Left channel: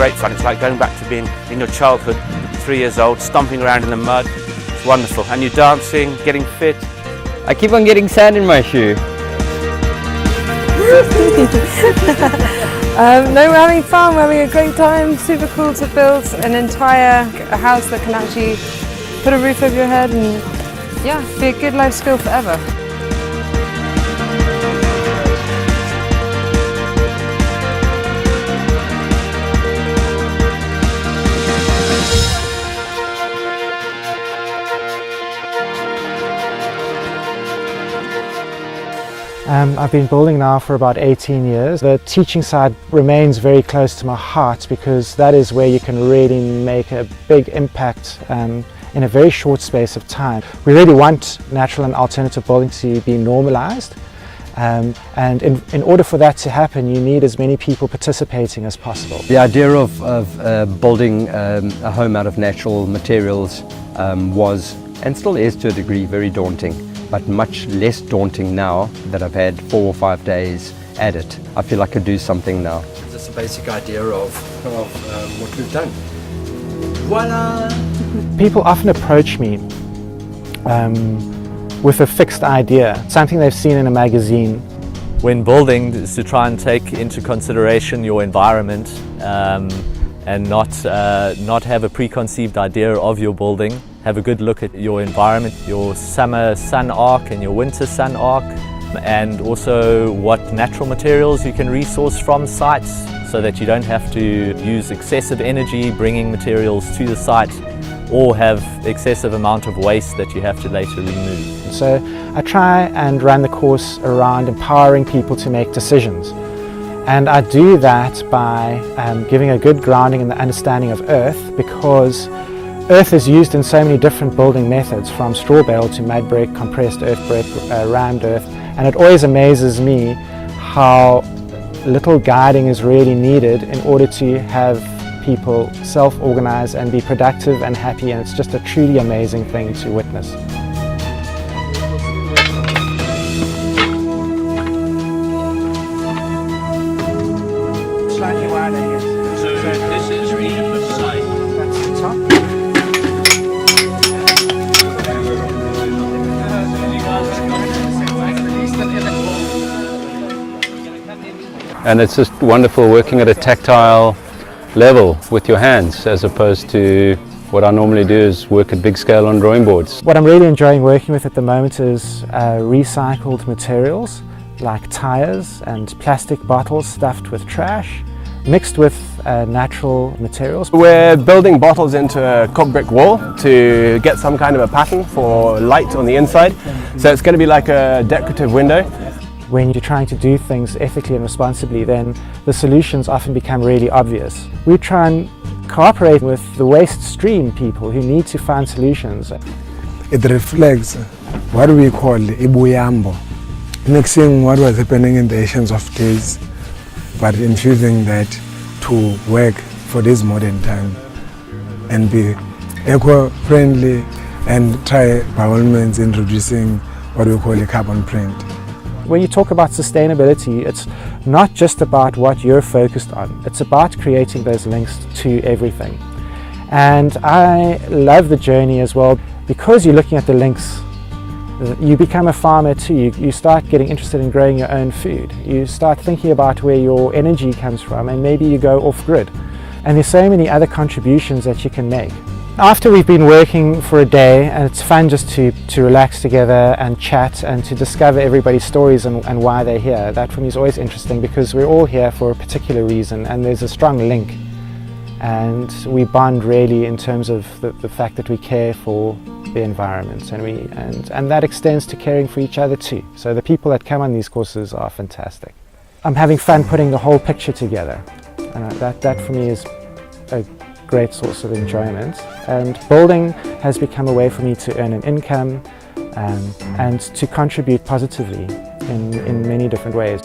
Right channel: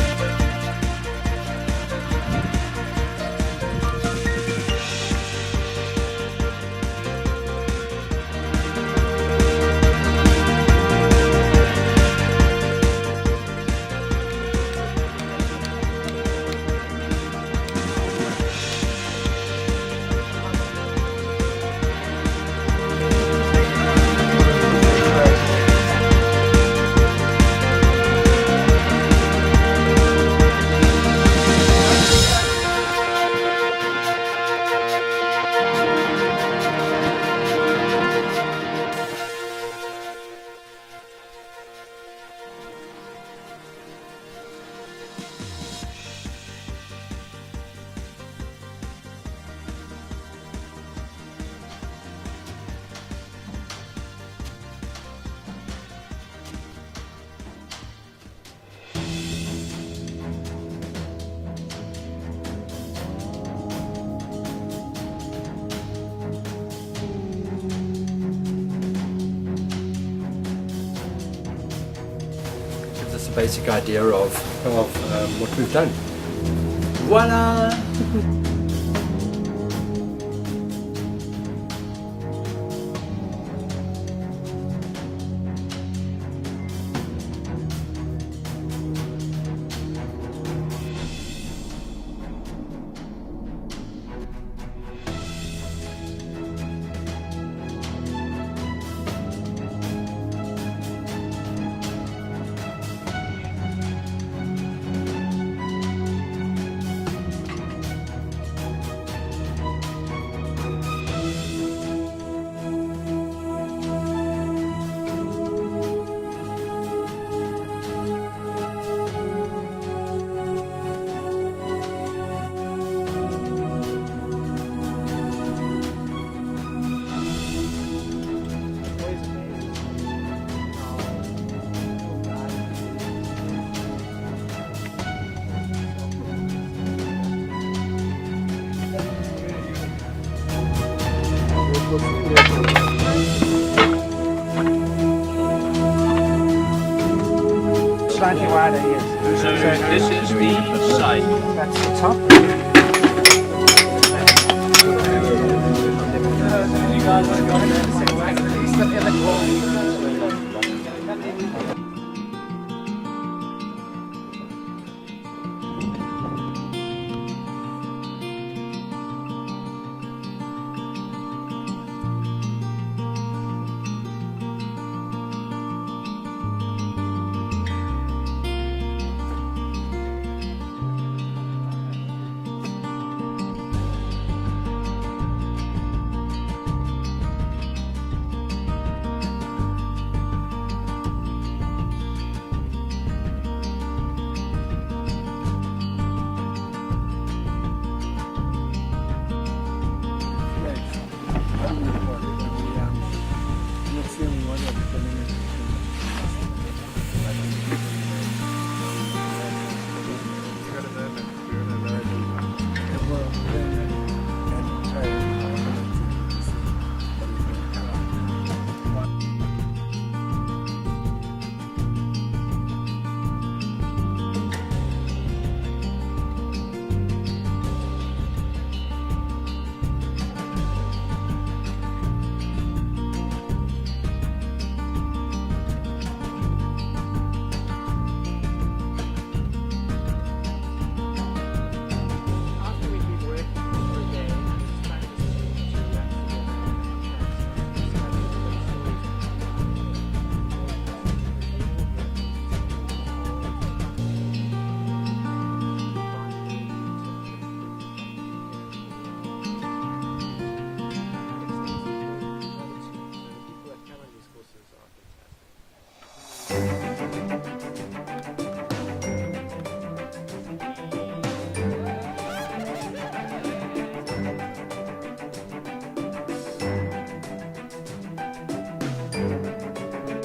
Great fun. It's like going back to being in your childhood, 3 years old, stomping around in the mud. It's wonderful. And you're dancing, getting fit. I keep on getting sand in my shoe. No, we're having fun, we're having a great time. Super cool to build an entire house that can actually put a roof over your head and yeah, be a good life skill forever. I've been building now for about 18 years. The teaching side remains very close to my heart because that is where you can really make a big impact in a very short space of time. We really want natural and alternative building to be normalized, and in order for that to happen you need as many people participating as possible. The idea of building a home out of natural materials was, and still is to a degree, very daunting. But much less daunting now that I've had 4 or 5 days at it. I feel I could do something now. Just a basic idea of what we've done. Voila! People often approach me with a fixed idea, something they've seen in a magazine. When building, is to try and take into consideration your environment and not have a preconceived idea of your building. Have a good look at your environment, your summer sun arc and your winter sun arc, and also what natural materials you can resource from sites so that you don't have to use excessive energy bringing materials to the site or have excessive amount of waste that you have to later remove. So I try and run the course around empowering people to make decisions. And I do that by giving a good grounding in the understanding of earth, because earth is used in so many different building methods, from straw bale to mud brick, compressed earth brick, rammed earth, and it always amazes me how little guiding is really needed in order to have people self-organize and be productive and happy, and it's just a truly amazing thing to witness. Slightly wider, yes. So this is the side. That's the top. And it's just wonderful working at a tactile level with your hands, as opposed to what I normally do is work at big scale on drawing boards. What I'm really enjoying working with at the moment is recycled materials like tires and plastic bottles stuffed with trash, mixed with natural materials. We're building bottles into a cob brick wall to get some kind of a pattern for light on the inside. So it's going to be like a decorative window. When you're trying to do things ethically and responsibly, then the solutions often become really obvious. We try and cooperate with the waste stream people who need to find solutions. It reflects what we call ibuyambo, mixing what was happening in the ancient of days, but infusing that to work for this modern time and be eco-friendly and try by all means introducing what we call a carbon print. When you talk about sustainability, it's not just about what you're focused on, it's about creating those links to everything. And I love the journey as well, because you're looking at the links. You become a farmer too. You start getting interested in growing your own food. You start thinking about where your energy comes from, and maybe you go off grid. And there's so many other contributions that you can make. After we've been working for a day, and it's fun just to relax together and chat and to discover everybody's stories and why they're here. That for me is always interesting, because we're all here for a particular reason and there's a strong link. and we bond really in terms of the fact that we care for the environment, and that extends to caring for each other too. So the people that come on these courses are fantastic. I'm having fun putting the whole picture together. That for me is a great source of enjoyment, and building has become a way for me to earn an income and to contribute positively in many different ways.